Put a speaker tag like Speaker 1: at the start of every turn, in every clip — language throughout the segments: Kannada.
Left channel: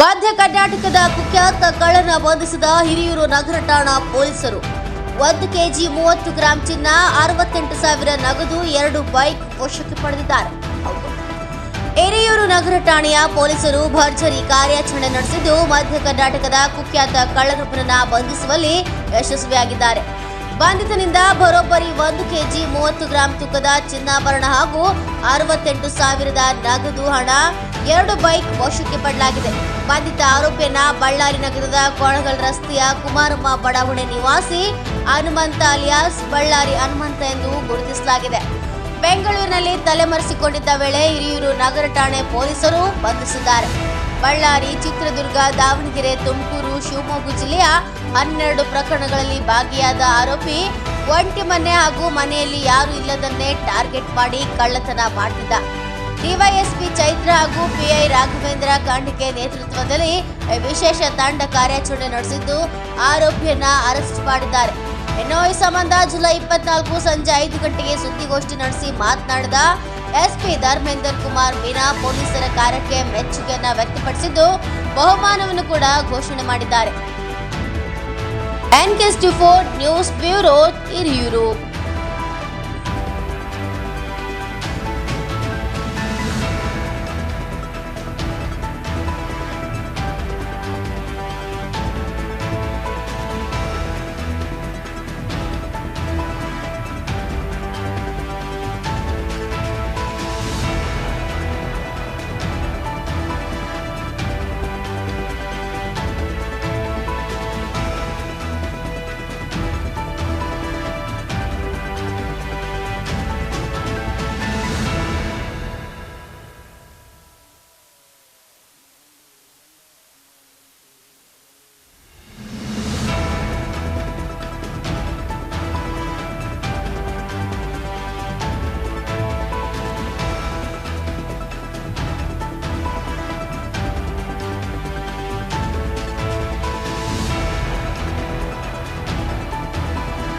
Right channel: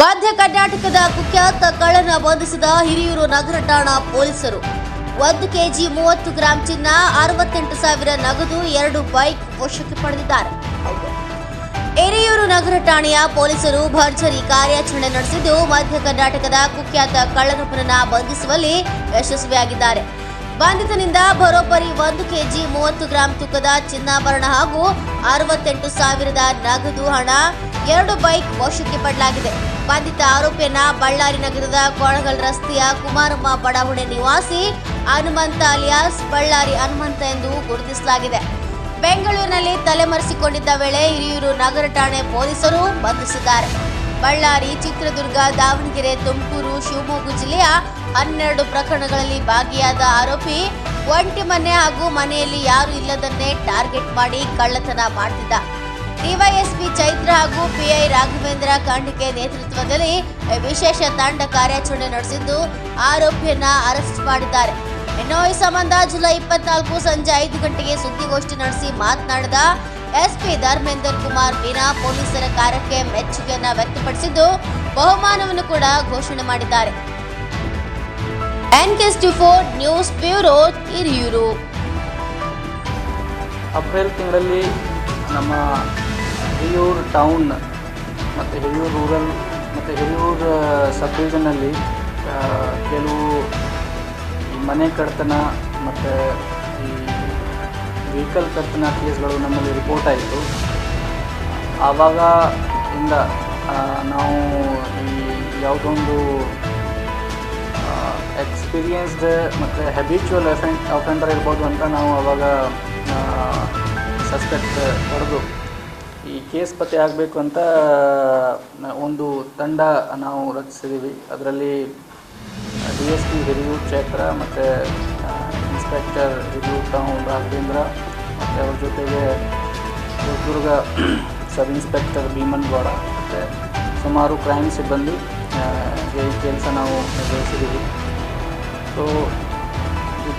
Speaker 1: ಮಧ್ಯ ಕರ್ನಾಟಕದ ಕುಖ್ಯಾತ ಕಳ್ಳನ ಬಂಧಿಸಿದ ಹಿರಿಯೂರು ನಗರ ಠಾಣಾ ಪೊಲೀಸರು. ಒಂದು ಕೆಜಿ ಮೂವತ್ತು ಗ್ರಾಂ ಚಿನ್ನ, ಅರವತ್ತೆಂಟು ಸಾವಿರ ನಗದು, ಎರಡು ಬೈಕ್ ವಶಕ್ಕೆ ಪಡೆದಿದ್ದಾರೆ. ಹಿರಿಯೂರು ನಗರ ಠಾಣೆಯ ಪೊಲೀಸರು ಭರ್ಜರಿ ಕಾರ್ಯಾಚರಣೆ ನಡೆಸಿದ್ದು, ಮಧ್ಯ ಕರ್ನಾಟಕದ ಕುಖ್ಯಾತ ಕಳ್ಳನೊಬ್ಬನನ್ನ ಬಂಧಿಸುವಲ್ಲಿ ಯಶಸ್ವಿಯಾಗಿದ್ದಾರೆ. ಬಂಧಿತನಿಂದ ಬರೋಬ್ಬರಿ ಒಂದು ಕೆಜಿ ಮೂವತ್ತು ಗ್ರಾಂ ತೂಕದ ಚಿನ್ನಾಭರಣ ಹಾಗೂ ಅರವತ್ತೆಂಟು ಸಾವಿರದ ನಗದು ಹಣ, ಎರಡು ಬೈಕ್ ವಶಕ್ಕೆ ಪಡಲಾಗಿದೆ ಬಂಧಿತ ಆರೋಪಿಯನ್ನ ಬಳ್ಳಾರಿ ನಗರದ ಕೊಳಗಲ್ ರಸ್ತೆಯ ಕುಮಾರಮ್ಮ ಬಡಾವಣೆ ನಿವಾಸಿ ಹನುಮಂತ ಅಲಿಯಾಸ್ ಬಳ್ಳಾರಿ ಹನುಮಂತ ಎಂದು ಗುರುತಿಸಲಾಗಿದೆ. ಬೆಂಗಳೂರಿನಲ್ಲಿ ತಲೆಮರೆಸಿಕೊಂಡಿದ್ದ ವೇಳೆ ಹಿರಿಯೂರು ನಗರ ಠಾಣೆ ಪೊಲೀಸರು ಬಂಧಿಸಿದ್ದಾರೆ. ಬಳ್ಳಾರಿ ಚಿತ್ರದುರ್ಗ, ದಾವಣಗೆರೆ, ತುಮಕೂರು, ಶಿವಮೊಗ್ಗ ಜಿಲ್ಲೆಯ ಹನ್ನೆರಡು ಪ್ರಕರಣಗಳಲ್ಲಿ ಭಾಗಿಯಾದ ಆರೋಪಿ ಒಂಟಿ ಮನೆ ಹಾಗೂ ಮನೆಯಲ್ಲಿ ಯಾರು ಇಲ್ಲದನ್ನೇ ಟಾರ್ಗೆಟ್ ಮಾಡಿ ಕಳ್ಳತನ ಮಾಡ್ತಿದ್ದ. ಡಿವೈಎಸ್ಪಿ ಚೈತ್ರ ಹಾಗೂ ಪಿಐ ರಾಘವೇಂದ್ರ ಖಂಡಿಕೆ ನೇತೃತ್ವದಲ್ಲಿ ವಿಶೇಷ ತಂಡ ಕಾರ್ಯಾಚರಣೆ ನಡೆಸಿದ್ದು, ಆರೋಪಿಯನ್ನ ಅರೆಸ್ಟ್ ಮಾಡಿದ್ದಾರೆ. ಇನ್ನು ಈ ಸಂಬಂಧ ಜುಲೈ ಇಪ್ಪತ್ನಾಲ್ಕು ಸಂಜೆ ಐದು ಗಂಟೆಗೆ ಸುದ್ದಿಗೋಷ್ಠಿ ನಡೆಸಿ ಮಾತನಾಡಿದ ಎಸ್ಪಿ ಧರ್ಮೇಂದರ್ ಕುಮಾರ್ ಮೀನಾ ಪೊಲೀಸರ ಕಾರ್ಯಕ್ಕೆ ಮೆಚ್ಚುಗೆಯನ್ನ ವ್ಯಕ್ತಪಡಿಸಿದ್ದು, ಬಹುಮಾನವನ್ನು ಕೂಡ ಘೋಷಣೆ ಮಾಡಿದ್ದಾರೆ. ಫೋರ್ ನ್ಯೂಸ್ ಬ್ಯೂರೋ ಹಿರಿಯೂರು.
Speaker 2: ಅಪ್ರಿಲ್ ತಿಂಗಳಲ್ಲಿ ನಮ್ಮ ಹಿರಿಯೂರು ಟೌನ್ ಮತ್ತು ಹಿರಿಯೂರು ರೂರಲ್ ಮತ್ತು ಹಿರಿಯೂರು ಸಬ್ ಕೆಲವು ಮನೆ ಕಡ್ತನ ಮತ್ತು ವೆಹಿಕಲ್ ಕಡ್ತನ ಕೇಸ್ಗಳು ನಮ್ಮಲ್ಲಿ ರಿಪೋರ್ಟ್ ಆಯಿತು. ಆವಾಗ ಇಂದ ನಾವು ಯಾವುದೊಂದು ಎಕ್ಸ್ಪೀರಿಯನ್ಸ್ಡ್ ಮತ್ತು ಹ್ಯಾಬಿಚುವಲ್ ಎಫೆಂಟ್ ಅಫೆಂಡರ್ ಇರ್ಬೋದು ಅಂತ ನಾವು ಅವಾಗ ಸಸ್ಪೆಕ್ಟ್ ಹೊಡೆದು ಕೇಸ್ ಪತ್ತೆ ಆಗಬೇಕು ಅಂತ ಒಂದು ತಂಡ ನಾವು ರಚಿಸಿದ್ದೀವಿ ಅದರಲ್ಲಿ ಡಿ ಎಸ್ ಪಿ ಹಿರಿಯೂರು ಕ್ಷೇತ್ರ ಮತ್ತು ಇನ್ಸ್ಪೆಕ್ಟರ್ ಹಿರಿಯೂರು ತಾವು ರಾಘವೇಂದ್ರ, ಅವರ ಜೊತೆಗೆ ಚಿತ್ರದುರ್ಗ ಸಬ್ ಇನ್ಸ್ಪೆಕ್ಟರ್ ಭೀಮನ್ ಗೌಡ ಮತ್ತು ಸುಮಾರು ಕ್ರೈಮ್ ಸಿಬ್ಬಂದಿ ಈ ಕೆಲಸ ನಾವು ನಿರ್ವಹಿಸಿದ್ದೀವಿ ಸೊ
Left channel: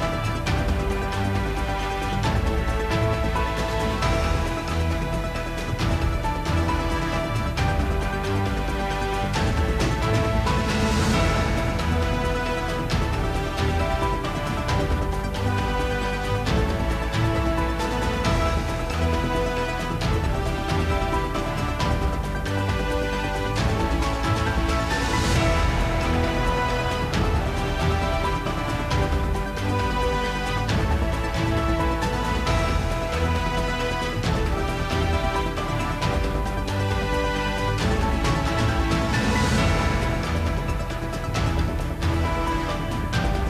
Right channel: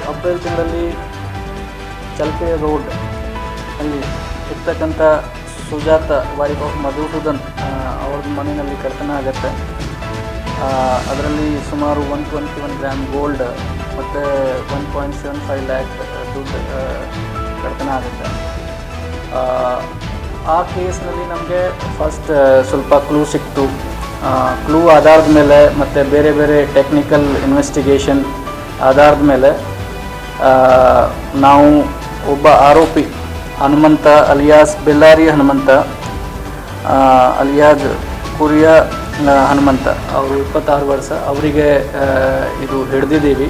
Speaker 2: ಅಪ್ರಿಲ್ ತಿಂಗಳಲ್ಲಿ ಚಲ್ಪೆ ರೋಡ್ ಅಲ್ಲಿ ಇರ್ತಕ್ಕಂಥ ಸುಜಾತ ಆಫ್ ಮಧುಸೂದನ್ ಅವ್ರ ಮನೆಯಲ್ಲಿ ಕರ್ತನ ಆಗುತ್ತೆ. ಅದರಲ್ಲಿ ಸುಮಾರು one twenty one gram gold ಮತ್ತು one point seven five lakh ದುಡ್ಡು ಆ, ಆಗುತ್ತೆ. ಆ, ಕೇಸ್ನಲ್ಲಿ ನಮಗೆ ಫಸ್ಟ್ ಸ್ವಲ್ಪ ಕ್ಲೂ ಸಿಕ್ತು. ಕ್ಲೂ ಆಧಾರದ ಮೇಲೆ ಮತ್ತು ಬೇರೆ ಬೇರೆ ಟೆಕ್ನಿಕಲ್ ಇನ್ವೆಸ್ಟಿಗೇಷನ್ ಆಧಾರದ ಮೇಲೆ ನಾವು ಒಬ್ಬ ಆರೋಪಿ ಹನುಮಂತ ಅಲಿಯಾಸ್ ಬೆಲ್ಲಾರಿ ಹನುಮಂತ ಅಲಿಯಾಜ್ ಆ, ಹನುಮಂತ. ಅವರು ಇಪ್ಪತ್ತಾರು ವರ್ಷ. ಅವರಿಗೆ ಇದು ಹಿಡ್ದಿದ್ದೀವಿ.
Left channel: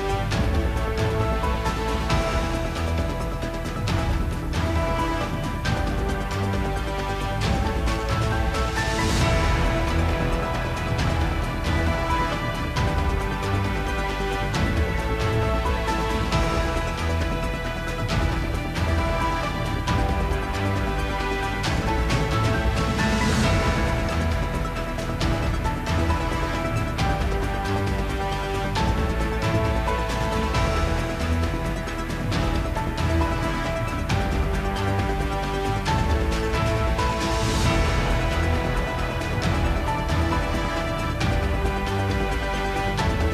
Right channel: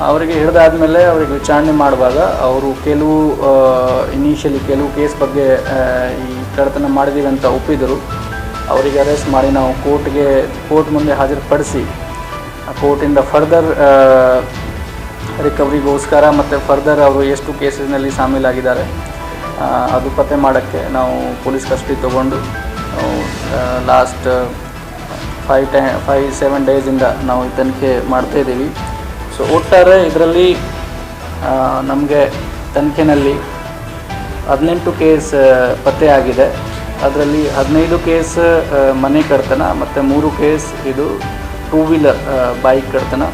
Speaker 2: ಅವರಿಗೆ ಹಿಡಿದಾದ್ಮೇಲೆ ಅವರಿಗೆ ವಿಚಾರಣೆ ಮಾಡುವಾಗ ಅವರು ಕೆಲವು ಇನಿಷಿಯಲಿ ಕೆಲವು ಕೇಸ್ ಬಗ್ಗೆ ಈ ಕಡತನ ಮಾಡಿದ್ದೀವಿ ಅಂತ ಒಪ್ಪಿದರು. ಅವರಿಗೆ ಅರೆಸ್ಟ್ ಮಾಡಿ ನಾವು ಕೋರ್ಟ್ಗೆ ಕೋರ್ಟ್ ಮುಂದೆ ಹಾಜರುಪಡಿಸಿ ಕೋರ್ಟಿಂದ ಫರ್ದರ್ ರಿಕವರಿಗೋಸ್ಕರ ಮತ್ತು ಫರ್ದರ್ ಅವರು ಎಷ್ಟು ಕೇಸಸ್ನಲ್ಲಿ ಸಾಮೀಲಾಗಿದ್ದಾರೆ ಅದು ಪತ್ತೆ ಮಾಡೋಕ್ಕೆ ನಾವು ಪೊಲೀಸ್ ಕಸ್ಟಡಿ ತೊಗೊಂಡು last five to five seven ಡೇಸಿಂದ ನಾವು ತನಿಖೆ ಮಾಡ್ತಾಯಿದ್ದೀವಿ ಸೊ ಒಟ್ಟಾರೆ ಇದರಲ್ಲಿ ನಮಗೆ ತನಿಖೆನಲ್ಲಿ ಹದಿನೆಂಟು ಕೇಸ್ ಪತ್ತೆ ಆಗಿದೆ. ಅದರಲ್ಲಿ ಹದಿನೈದು ಕೇಸ್ ಮನೆ ಕಡ್ತನ ಮತ್ತು ಮೂರು ಕೇಸ್ ಇದು ಟೂ ವೀಲರ್ ಬೈಕ್ ಕರ್ತನ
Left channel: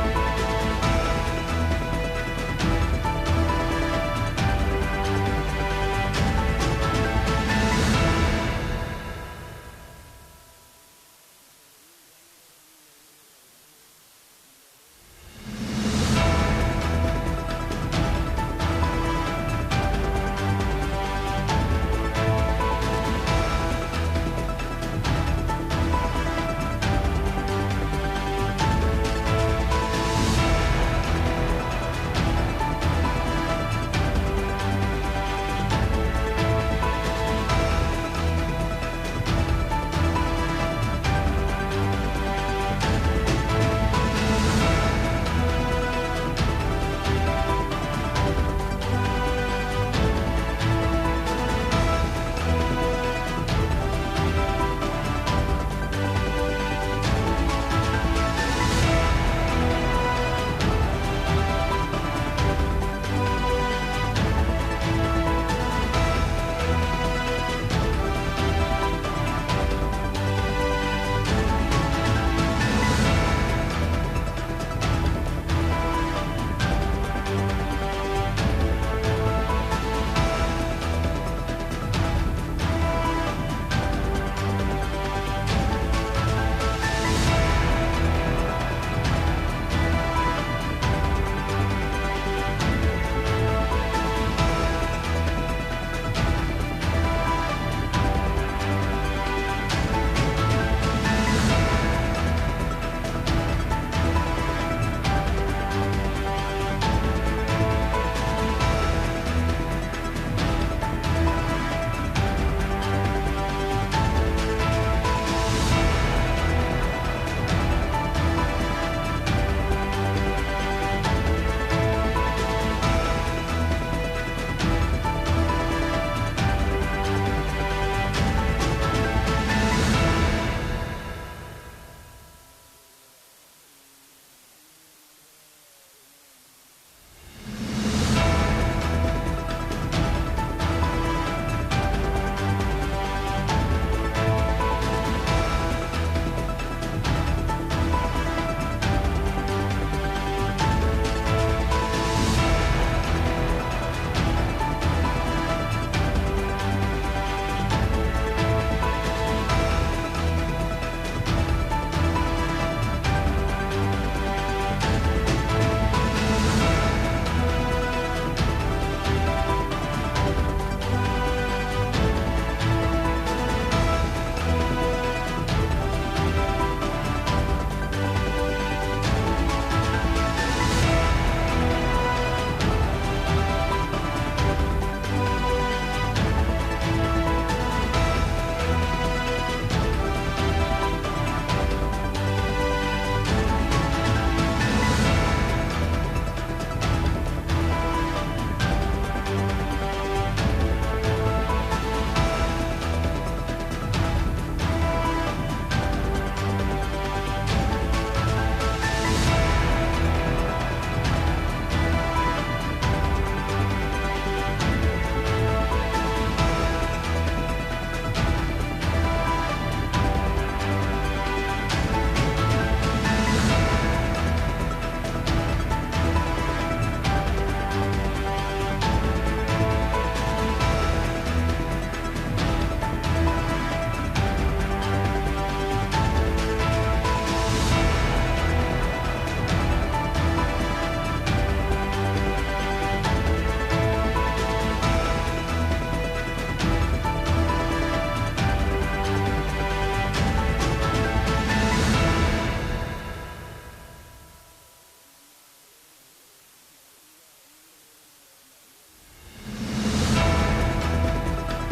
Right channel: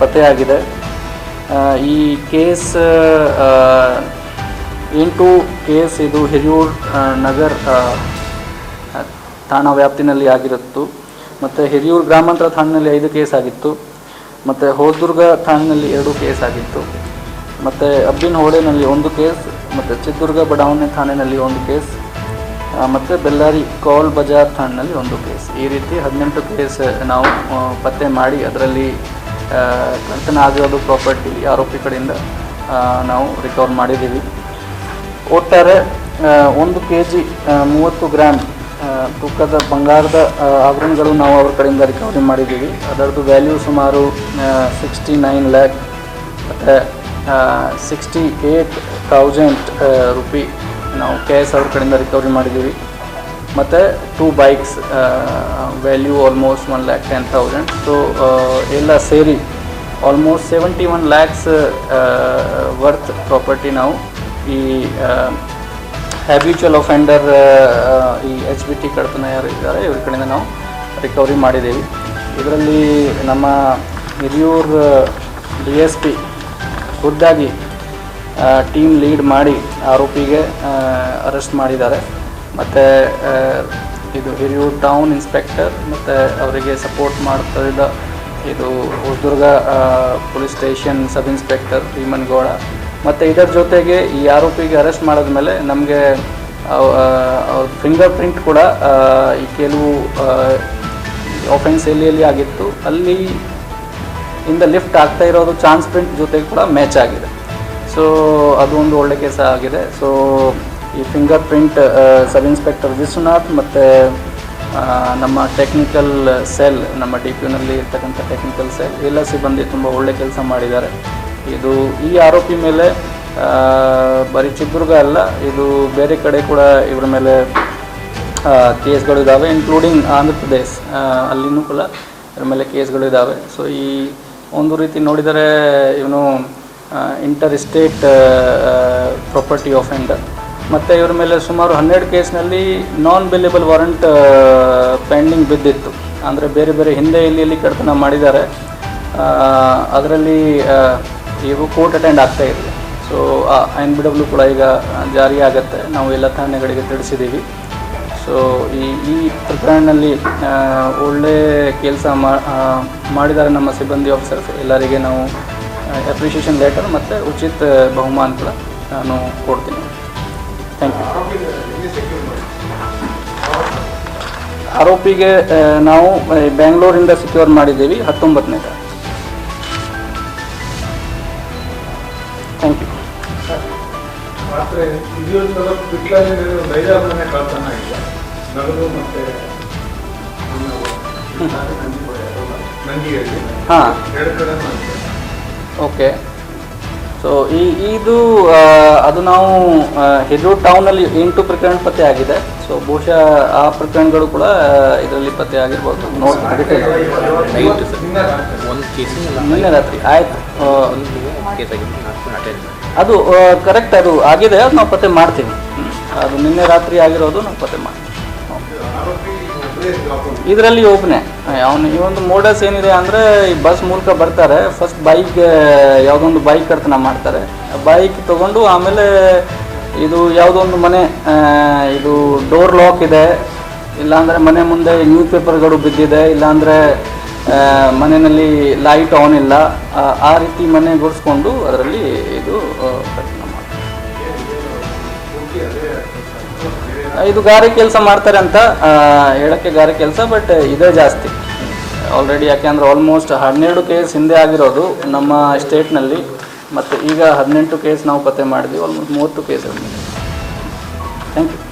Speaker 2: ಪತ್ತೆಯಾಗಿದೆ ಈ ಕೇಸ್ ಎಂಟು ಕೇಸ್ ಇದು ಹೆಜೂರ್ ನಗರ್ ಠಾಣಾ ವ್ಯಾಪ್ತಿನಲ್ಲಿ ಆಗಿರುತ್ತು. ಮತ್ತು ಹಿರಿಯೂರು ಗ್ರಾಮಾಂತರ ಠಾಣೆಯಲ್ಲಿ ಐದು ಕೇಸ್ ಆಗಿತ್ತು. ಮತ್ತು ಹೊಸದುರ್ಗ ಠಾಣೆಯಲ್ಲಿ ಎರಡು ಕೇಸ್ ಆಗಿತ್ತು. ಮತ್ತು ಅಬ್ಬಿನ ಹೋಡೆನಲ್ಲಿ ಒಂದು ಕೇಸ್, ಮತ್ತು ಚಿತ್ರದುರ್ಗ ಬಡಾವಣೆ ಠಾಣೆಯಲ್ಲಿ ಒಂದು ಕೇಸ್ ಮತ್ತು ಬೆಳ್ಳಾರಿ ಕೌಲ್ ಬಜಾರ್ ಠಾಣೆಯಲ್ಲಿ ಒಂದು ಕೇಸ್. ಈ ರೀತಿ ಹದಿನೆಂಟು ಕೇಸ್ ನಾವು ಪತ್ತೆ ಮಾಡಿ ಅದರಲ್ಲಿ ಆಗಿರೋದು ಪ್ರಾಪರ್ಟಿ ಆರೋಪಿ ಕಡೆಯಿಂದ ನಾವು ರಿಕವರ್ ಮಾಡಿದ್ದೀವಿ. ಒಟ್ಟಾರೆ ಒಂದು ಕೆ ಜಿ ಮೂವತ್ತು ಗ್ರಾಮ್ ತೂಕದ ಬಂಗಾರದ ಆಭರಣಗಳು ನಾವು ಅವ್ರ ಕಡೆಯಿಂದ ರಿಕವರಿ ಮಾಡಿದ್ದೀವಿ. ಅದರದ್ದು ವ್ಯಾಲ್ಯೂ ಸುಮಾರು ಸಿಕ್ಸ್ಟಿ ನೈನ್ ಲ್ಯಾಕ್ ಮತ್ತು ಸಿಕ್ಸ್ಟಿ ಏಯ್ಟ್ ತೌಸಂಡ್ ರುಪಿ ನಾವು ಕ್ಯಾಶ್ ಅವ್ರ ಕಡೆಯಿಂದ ರಿಕವರಿ ಮಾಡಿದ್ದೀವಿ. ಮತ್ತು two bikes value almost one lakh ten thousand so ಎಲ್ಲ ಸೇರಿ almost seventy one lakhs worth property ನಾವು ಈ ಹ್ಯಾಬಿಚುವಲ್ ಅಫೆಂಡರ್ ಈ ಎಚ್ ಬಿ ಟಿ ಕಡತನ ಯಾರಿದ್ದಾರೆ ಇವ್ರ ಕಡೆಯಿಂದ ನಾವು ರಿಕವರಿ ಮಾಡಿದ್ದೀವಿ. ಇದರಲ್ಲಿ ನಮ್ಮ ಹಿರಿಯೂರ್ ಡಿ ಎಸ್ ಪಿ ಖುದ್ದಾಗಿ ಟೀಮ್ ಲೀಡ್ ಮಾಡಿ ಆರೋಪಿಗೆ ಅರೆಸ್ಟ್ ಮಾಡಿದ್ದಾರೆ. ಮತ್ತು ಇದು ಹಿರಿಯೂರು ಟೌನ್ ಇನ್ಸ್ಪೆಕ್ಟರ್ ಮತ್ತು ಅವರಿಗೆ ಸಪೋರ್ಟ್ ಮಾಡ್ತಿದ್ದ ಇದು Hosadurga police station sub inspector Bhimangouda ಮತ್ತು ಇದರ ಜೊತೆಗೆ ಈ ಆರೋಪಿಗೆ ಅರೆಸ್ಟ್ ಮಾಡಿದ್ಮೇಲೆ ನಮಗೆ ಅವ್ರ ಫಿಂಗರ್ ಪ್ರಿಂಟ್ ಕೂಡ ಈ ಕೆಲವು ಆಫೆನ್ಸ್ ಎಲ್ಲಿ ಎಲ್ಲಿ ಆಗಿತ್ತು. ಅಲ್ಲಿ ಇಂದ ಲಿಫ್ಟ್ ಆಗ್ತಾ ಇರೋದು ಚಾನ್ಸ್ ಪ್ರಿಂಟ್ ಜೊತೆಗೆ ಕೂಡ ಮ್ಯಾಚ್ ಆಗಿದೆ. ಸೊ ಅದು ಒಂದು ಒಳ್ಳೆ ಕೆಲಸ ಆಗಿದೆ. ಸೊ ಈ finger print sub inspector Vishwanath ಮತ್ತು ನಮ್ಮ ಟೆಕ್ನಿಕಲ್ ಸೆಲ್ ನಮ್ಮ ಡಿ ಪಿ ಯುನಲ್ಲಿ ಇರ್ತಕ್ಕಂಥ ಟೆಕ್ನಿಕಲ್ ಸೆಲ್ ಎಲ್ಲ ಸಿಬ್ಬಂದಿ ತುಂಬ ಒಳ್ಳೆ ಕೆಲಸ ಮಾಡಿದ್ದಾರೆ. ಇದು ಈ ಆರೋಪಿ ಮೇಲೆ ಬರೀ ಚಿತ್ರದುರ್ಗ ಅಲ್ಲ, ಇದು ಬೇರೆ ಕಡೆ ಕೂಡ ಇವರ ಮೇಲೆ ಕೇಸ್ಗಳು ಇದ್ದಾವೆ ಇನ್ಕ್ಲೂಡಿಂಗ್ ಆಂಧ್ರ ಪ್ರದೇಶ ಅಲ್ಲಿನೂ ಕೂಡ ಇದ್ರ ಮೇಲೆ ಕೇಸ್ಗಳು ಇದ್ದಾವೆ ಸೊ ಈ ಒಂದು ರೀತಿ ನೋಡಿದರೆ, ಇವನು ಇಂಟರ್ ಸ್ಟೇಟ್ ಪ್ರಾಪರ್ಟಿ ಆಫೆಂಡರ್ ಮತ್ತು ಇವರ ಮೇಲೆ ಸುಮಾರು ಹನ್ನೆರಡು ಕೇಸ್ನಲ್ಲಿ ನಾನ್ ಬೆಲೆಬಲ್ ವಾರಂಟ್ ಪೆಂಡಿಂಗ್ ಬಿದ್ದಿತ್ತು. ಅಂದರೆ ಬೇರೆ ಬೇರೆ ಹಿಂದೆ ಇಲ್ಲಿ ಇಲ್ಲಿ ಕಡತನ ಮಾಡಿದ್ದಾರೆ. ಅದರಲ್ಲಿ ಇವು ಕೋರ್ಟ್ ಅಟೆಂಡ್ ಆಗ್ತಾ ಇದೆ. ಸೊ ಎನ್ ಬಿ ಡಬ್ಲ್ಯೂ ಕೂಡ ಈಗ ಜಾರಿ ಆಗುತ್ತೆ. ನಾವು ಎಲ್ಲ ಠಾಣೆಗಳಿಗೆ ತಿಳಿಸಿದ್ದೀವಿ. ಸೊ ಈ ಈ ಪ್ರಕರಣದಲ್ಲಿ ಒಳ್ಳೆ ಕೆಲಸ ಮಾಡಿದ್ದಾರೆ ನಮ್ಮ ಸಿಬ್ಬಂದಿ ಆಫೀಸರ್ಸ್ ಎಲ್ಲರಿಗೆ ನಾವು ಅಪ್ರಿಷಿಯೇಷನ್ ಲೆಟರ್ ಮತ್ತು ಉಚಿತ ಕೂಡ ನಾನು ಕೊಡ್ತೀನಿ. ಆರೋಪಿಗೆ ನಾವು ಬ್ಯಾಂಗ್ಳೂರಿಂದ ಬೆಂಗಳೂರಿಂದ ಸೆಕ್ಯೂರ್ ಮಾಡಿದ್ದೀವಿ. ಹತ್ತೊಂಬತ್ತನೇ ಥ್ಯಾಂಕ್ ಯು ಹಾಂ. ಓಕೆ. ಸೊ ಈ ಇದು ಅದು ನಾವು ಹಿರಿಯೂರು ಟೌನಲ್ಲಿ ಎಂಟು ಪ್ರಕರಣ ಪತ್ತೆ ಆಗಿದೆ. ಸೊ ಬಹುಶಃ ಆ ಪ್ರಕರಣಗಳು ಕೂಡ ಇದರಲ್ಲಿ ಪತ್ತೆ ಆಗಿರ್ಬೋದು. ನೋಡಿ
Speaker 3: ಒಂದು ಕೇಸ್
Speaker 2: ನಿನ್ನೆ ರಾತ್ರಿ. ಆಯ್ತು.
Speaker 3: ಕೇಸ್
Speaker 2: ಅದು ಕರೆಕ್ಟ್ ಅದು ಆಗಿದೆ. ಅದು ನಾವು ಪತ್ತೆ ಮಾಡ್ತೀವಿ. ಅದು ನಿನ್ನೆ ರಾತ್ರಿ ಆಗಿರೋದು ನಾವು ಪತ್ತೆ ಮಾಡ್ತೀವಿ. ಇದರಲ್ಲಿ ಒಬ್ಬನೇ ಅವನು ಈ ಒಂದು ಮೋಡಸ್ ಏನಿದೆ ಅಂದರೆ ಈ ಬಸ್ ಮೂಲಕ ಬರ್ತಾರೆ. ಫಸ್ಟ್ ಬೈಕ್ ಯಾವುದೊಂದು ಬೈಕ್ ಕರ್ತನ ಮಾಡ್ತಾರೆ. ಬೈಕ್ ತೊಗೊಂಡು ಆಮೇಲೆ ಇದು ಯಾವುದೋ ಒಂದು ಮನೆ ಇದು ಡೋರ್ ಲಾಕ್ ಇದೆ. ಇಲ್ಲಾಂದರೆ ಮನೆ ಮುಂದೆ ನ್ಯೂಸ್ ಪೇಪರ್ಗಳು ಬಿದ್ದಿದೆ. ಇಲ್ಲಾಂದರೆ ಮನೆಯಲ್ಲಿ ಲೈಟ್ ಆನ್ ಇಲ್ಲ. ಆ, ರೀತಿ ಮನೆ ಗುಡಿಸ್ಕೊಂಡು ಅದರಲ್ಲಿ ಇದು. ಇದು ಗಾರೆ ಕೆಲಸ ಮಾಡ್ತಾರೆ ಅಂತ ಹೇಳೋಕ್ಕೆ ಹೇಳಕ್ಕೆ ಗಾರೆ ಕೆಲಸ ಬಟ್ ಇದೇ ಜಾಸ್ತಿ. ಆಲ್ರೆಡಿ ಯಾಕೆಂದ್ರೆ ಆಲ್ಮೋಸ್ಟ್ ಹನ್ನೆರಡು ಕೇಸ್ ಹಿಂದೆ ಆಗಿರೋದು ನಮ್ಮ ಸ್ಟೇಟ್ನಲ್ಲಿ ಮತ್ತು ಈಗ ಹದಿನೆಂಟು ಕೇಸ್ ನಾವು ಪತ್ತೆ ಮಾಡಿದ್ವಿ ಆಲ್ಮೋಸ್ಟ್ ಮೂವತ್ತು ಕೇಸ್ ಥ್ಯಾಂಕ್ ಯು